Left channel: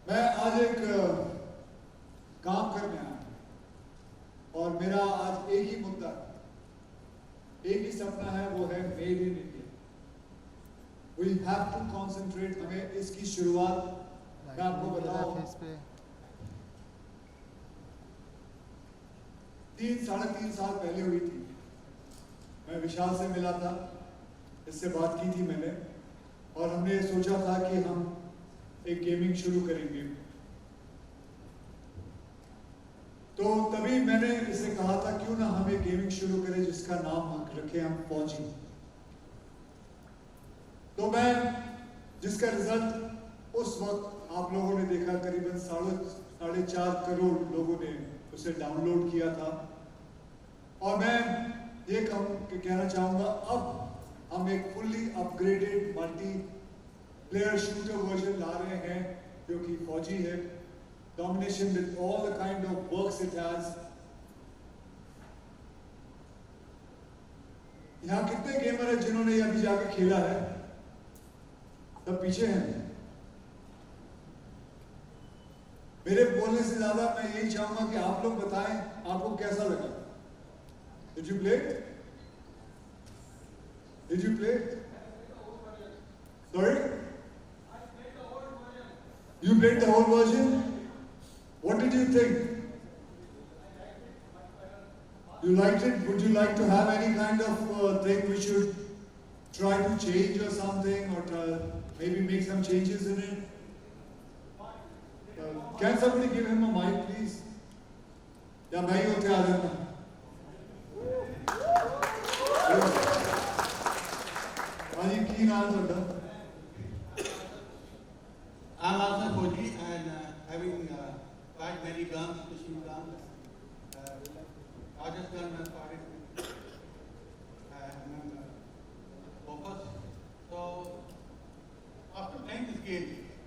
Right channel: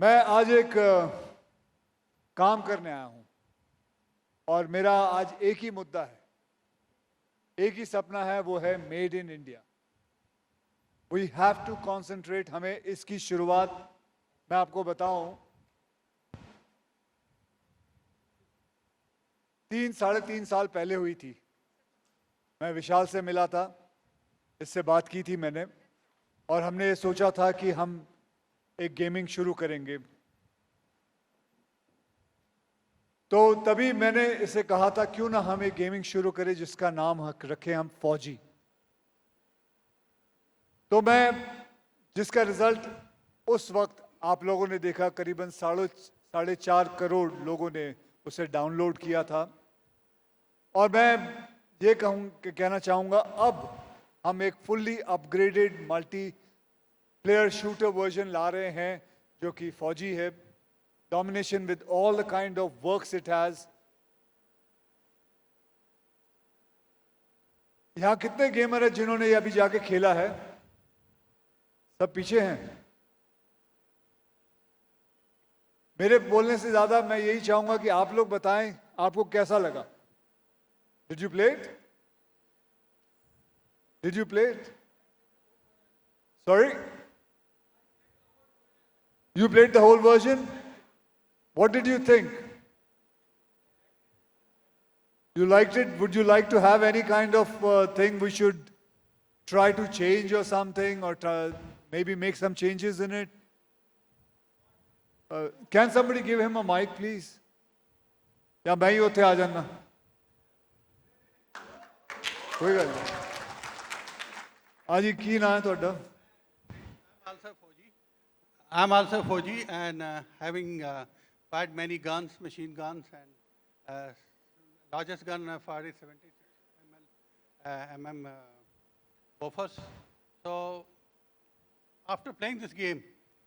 मैं आज एक काम करने आया हूँ और मेरा आज एक ही मुद्दा है, एक ही सपना है, वो है made in India. We have to concentrate. हमें इसकी शुरुआत मैं आपको बताऊं 3-3.5 साल पहले हुई थी। मैं विशाल से मिला था, इससे बात की थी मैंने, और हमने सोचा था कि हम एक गेमिंग शुरू करेंगे। तो तभी मैंने इसे कहा था क्यों ना हम एक गेमिंग शुरू करें जिसका नाम रखें हम फौजी। तो मैं जिसका रिजल्ट उस वक्त आप लोगों ने देखा, करीबन 4.5 करोड़ लोगों ने उसे डाउनलोड किया था। और मैं ये कहना चाहूँगा, अब हम एक fully upgraded multiplayer shooter version ला रहे हैं जो कि फौजी है। Domination with all the kind of works it has. यहाँ कितने गेमर हैं जिन्होंने अभी जाके खेला है? सब पीछे हैं। मेरे बोलने से ज्यादा मैं यही चाहूंगा कि आप लोग बताएं आपको कैसा लगा। Did you play it? Did you play it? Sorry? You played the whole version? What did you think? You liked it? Would you like to have any kind of thing we should try to change or something, or maybe make some changes in it? Can somebody give him a mic, please? या मैं ही उठे आ जाऊंगा? हाँ जी, की नाम है? I'm also Fauji and having quite many guns, machine guns, largest gun 47 mm Bofors. So after playing this game,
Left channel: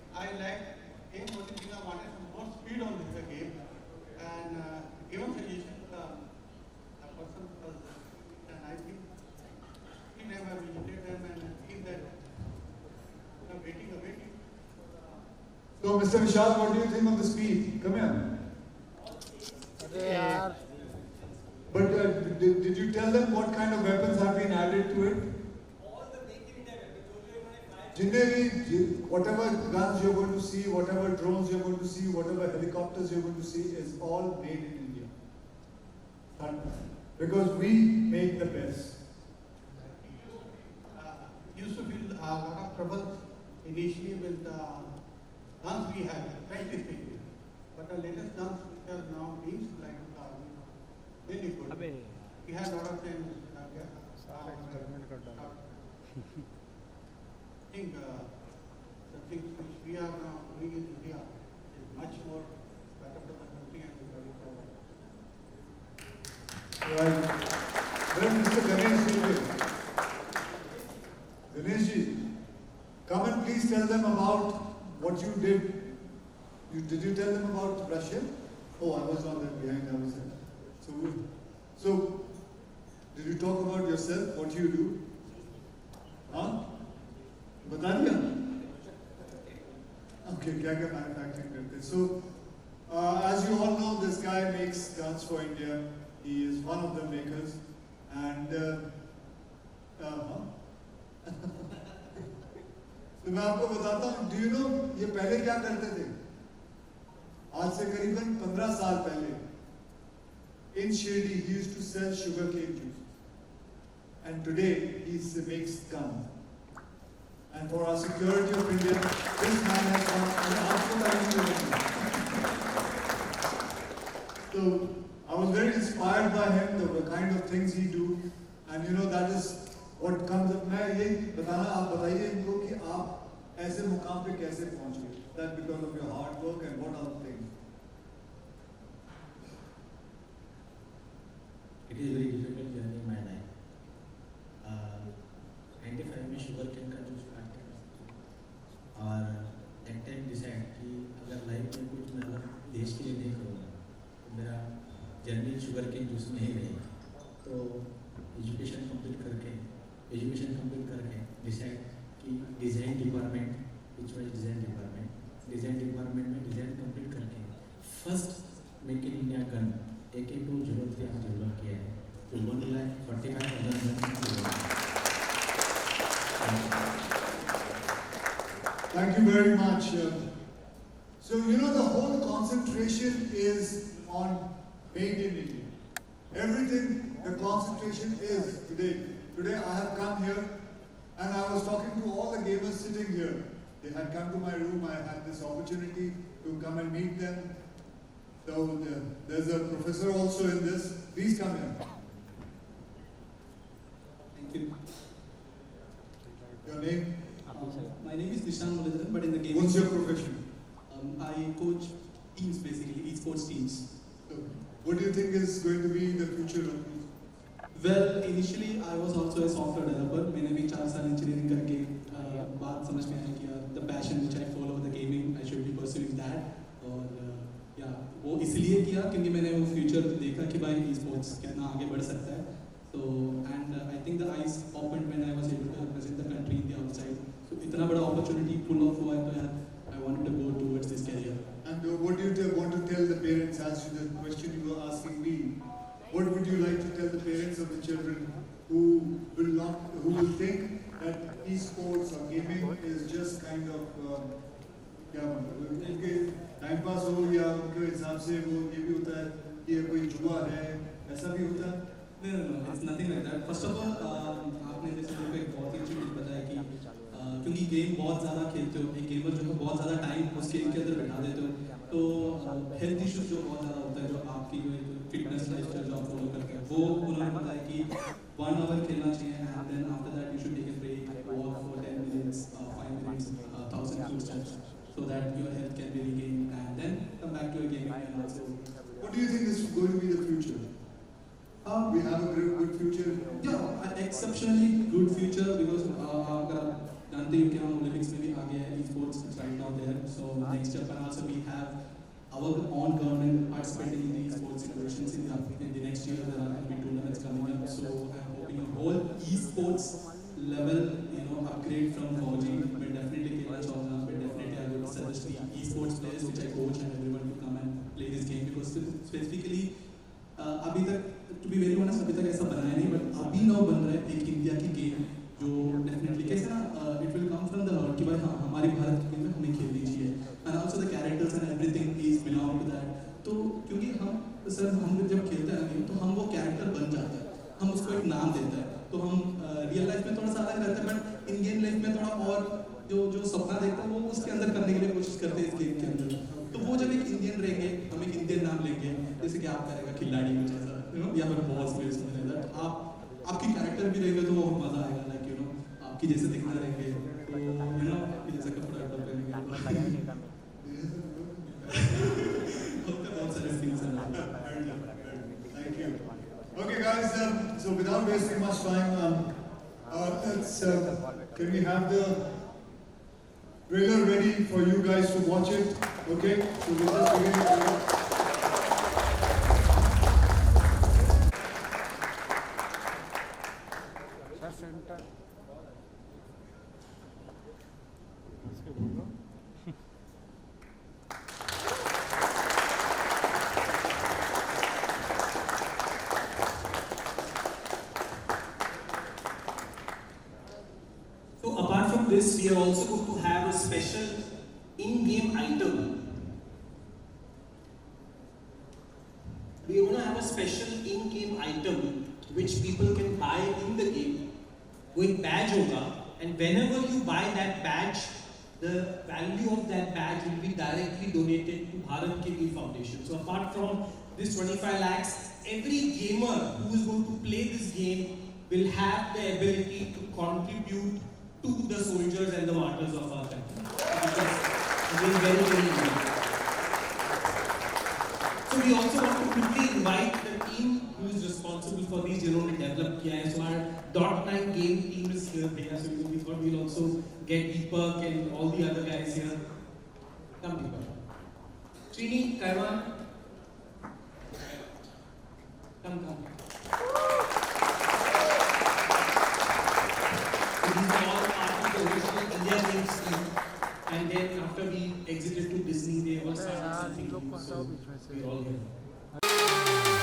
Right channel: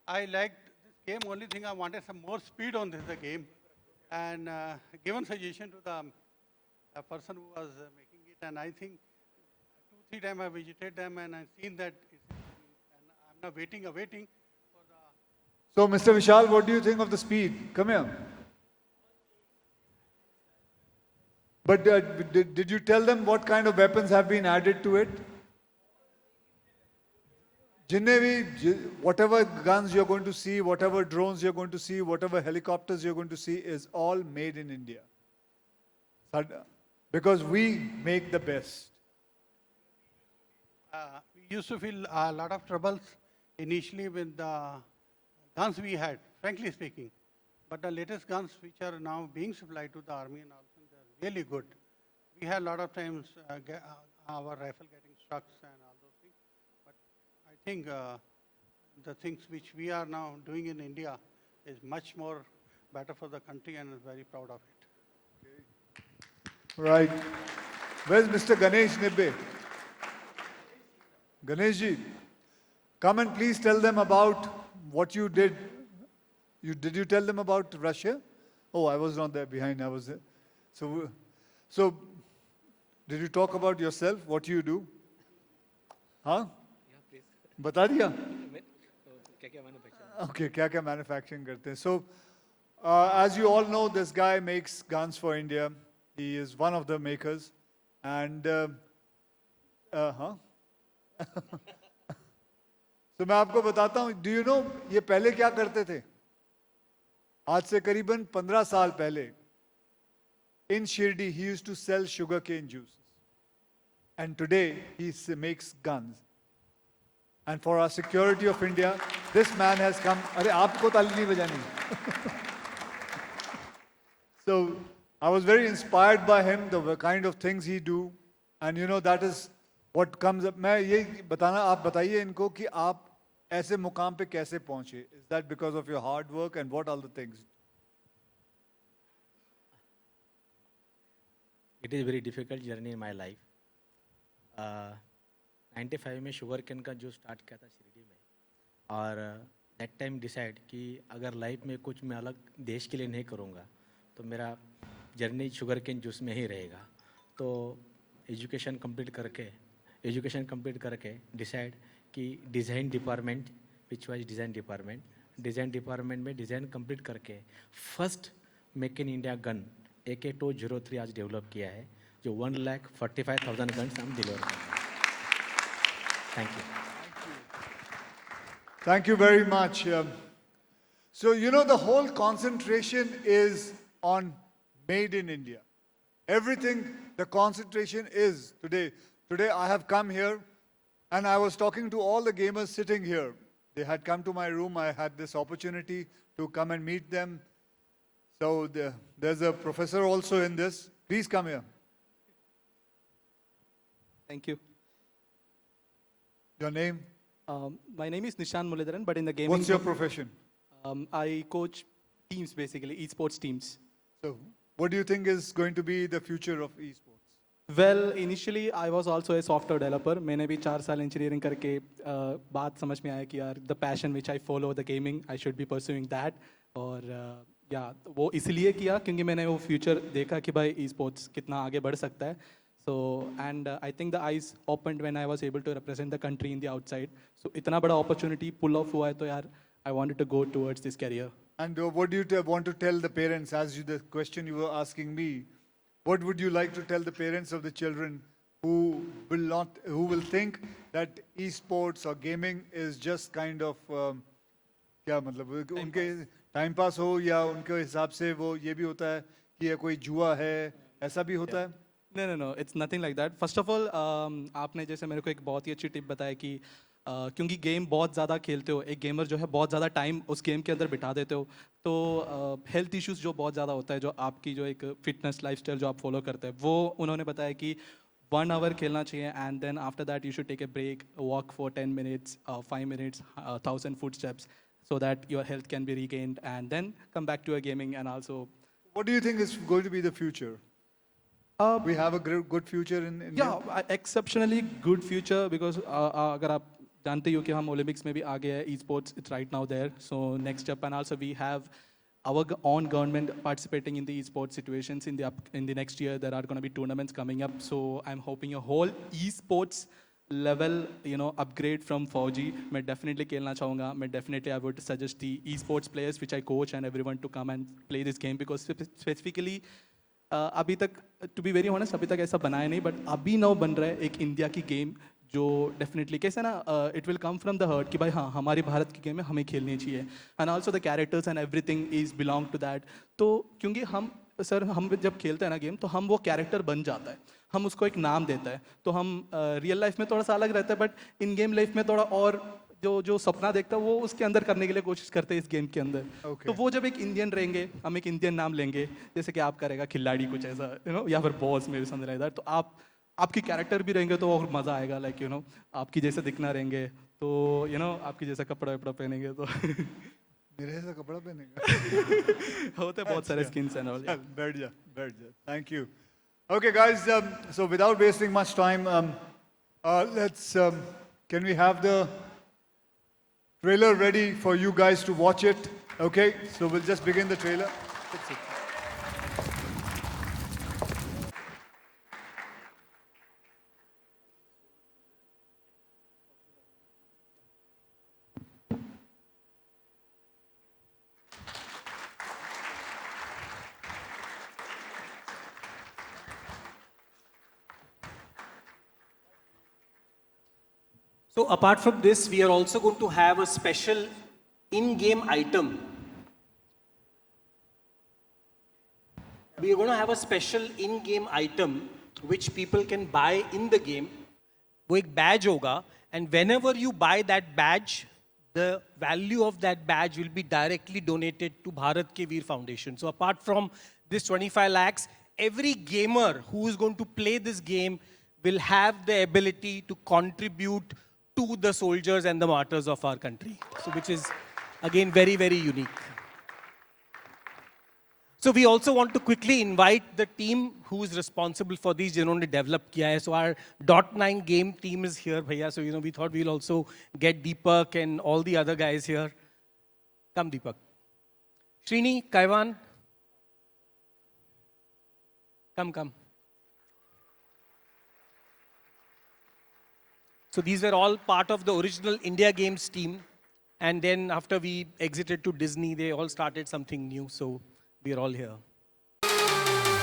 I liked game. Only thing I wanted some more speed on this game, and given suggestion to the person was and I think every time I visited them and I feel that waiting. So, Mr. Vishal, what do you think of the speed? Come here. But did you tell them what kind of weapons have been added to it? Whatever guns you're going to see, whatever drones you're going to see, whatever helicopters you're going to see is all made in India. Because we make the best. Used to feel a lot of trouble initially with the guns we had, frankly speaking. But the latest guns which are now being supplied to the army are really good. We had a lot of times our trucks. I think the things which we are now doing in India is much more better for the country, and I'm very proud of it. Right. Where's Mr. Ganesh Nippe? Ganeshji, come and please tell them about what you did. Did you tell them about Russia? Oh, I was not there behind, I was there. So did you talk about yourself, what you do? Huh? बता दिया? Okay, क्या manufacturing करते हैं? So, as you all know, this guy makes guns for India. He is one of the makers, and तो मैं आपको बताता हूँ. Do you know ये पहले क्या करते थे? आज से करीबन 15 साल पहले in Shirdi he used to sell sugarcane juice, and today he makes guns. And for our security of India, this man has come. अरे आपको ताली नहीं बजानी. So I was very inspired by him, the kind of things he do, and you know that is what comes up. मैं ये बताना, आप बताइए इनको कि आप ऐसे मुकाम पे कैसे पहुंचे? That because of your hard work and what other things? It is a very difficult journey in my life. 95 में शुगर केन का जूस स्टार्ट किया और दैट टाइम डिसाइड कि अगर लाइफ में कुछ मैं अलग देश के लिए नहीं करूँगा तो मेरा जर्नी शुगर केन जूस में ही रहेगा. तो एजुकेशन कंप्लीट करके डिसाइड कि design department, which was design department, design department में डिज़ाइन कंप्लीट करके first make in India gun AK-203 आज डेवलप किया है, जो 1,45,000 gun deliver. Thank you very much. So, you know, the whole concentration is on made in India. Everything, the concentration is today. Today I have come here and I was talking to all the gamers sitting here. They had come to my room. I had this opportunity to come and meet them. So there's a professor also in this. Please come here. Thank you. Your name? My name is Nishan Muradharan, but in the gaming... What's your profession? I coach teams, basically, esports teams. So, what do you think is going to be the future of these? Well, initially I was also a software developer. मैंने भी 4 साल engineering करके बात समझ में आया कि यार the passion which I follow, the gaming, I should be pursuing that. और या वो इसलिए किया क्योंकि मैंने वो future देखा कि भाई esports कितना आगे बढ़ सकता है. So and I think the eyes opened when I was able to represent the country in the outside. So इतना बड़ा opportunity pull off हुआ है तो यार I wanted to go towards this career. And what do you want to tell the parents, as the question you were asking me? What would you like to tell the parents of the children who will think that esports or gaming is just kind of क्या मतलब उनके time pass हो या उनके हिसाब से वो ये भी होता है कि ये कोई जुआ है, ऐसा भी होता है? No, it's nothing like that. First of all, आपने जैसे मेरे को एक बहुत ही अच्छी टिप बताया कि क्योंकि गेम बहुत ज़्यादा खेलते हो, एक गेमर जो है बहुत ज़्यादा टाइम उस गेम के अंदर बिता देते हो, तो हेल्थ इश्यूज जो बहुत ज़्यादा होता है, जो आपकी जो एक फिटनेस लाइफस्टाइल जो आप फॉलो करते हैं, वो उन्होंने बताया कि 1 आवर खेलना चाहिए and then after that you should take a break, walk for 10 minutes, 5 minutes, 1,000 footsteps, so that your health can be regained and then come back to your gaming. And also, what do you think is going to be the future? We have a good future. Yeah, exceptionally good future because अगर आप जानते हो कि हम Olympics में भी आगे हैं, esports is right now there. So next step, and also we have our own government participating in the esports situations in the next year. There are going to be tournaments coming up. So I'm hoping a whole esports level, upgrade from 4G. मैं definitely खेलना चाहूँगा. मैं definitely I would suggest the esports players which I coach and everyone to come and play this game because specifically अभी तक to be very honest अभी तक ऐसा बनाया नहीं, बट अभी नाउ बन रहा है एक इंडिया की गेम जो डेफिनेटली कैसे ना it will come from the heart कि भाई हाँ हमारी भारत की गेम है, हमें खेलनी चाहिए and also the characters and everything is belong to that. तो क्योंकि हम जब खेलते हैं ना गेम तो हम वो कैरेक्टर बन जाता है, हम उसको एक नाम देता है, तो हम रियल लाइफ में थोड़ा सा अलग रहता है बट इन गेम लाइफ में थोड़ा और जो सपना देखता है वो उसके अंदर करने के लिए कोशिश करते हैं इस गेम के अंदर. तो वो जब एक इंडियन रहेंगे, हम एक इंडियन नाम लेंगे, जैसे कि आप करेगा खिलाड़ी कुछ ऐसा या फिर बॉस में समझ रहा है, तो आपकी कैरेक्टर भी रहेंगे तो और मज़ा आएगा. लाइक आपकी जैसे दिखना रहेंगे तो आपकी जैसा कपड़ा पहनेंगे तो मेरे जैसा कपड़ा पहनेंगे होते बहुत सारे स्किन्स हैं. बैठ जा. Thank you. Okay guys, so without wasting much time, let's can we have the trailer ready for you guys to watch it? Okay, so we'll just begin the trailer. So apart from this, we are also going to have a special in-game item. We are going to have a special in-game item which people can buy in the game. वो एक badge होगा, and whenever you buy that badge, the value of that badge will be directly donated to Bharat Ke Veer Foundation. So apart from this 25 lakhs, every gamer who is going to play this game will have the ability to contribute to the soldiers and the martyrs of our country, which is again very, very unique. So we also want to quickly invite the team who is responsible for these, जिन्होंने develop किया है. So our .9 game team is here, भैया. So we thought we'll also get Deepak and all the other guys here. Come Deepak. Srini, Kaiwan. Come. So these are all part of the original India Games team. And then after we exited to Disney, they all started something new. So we are all here.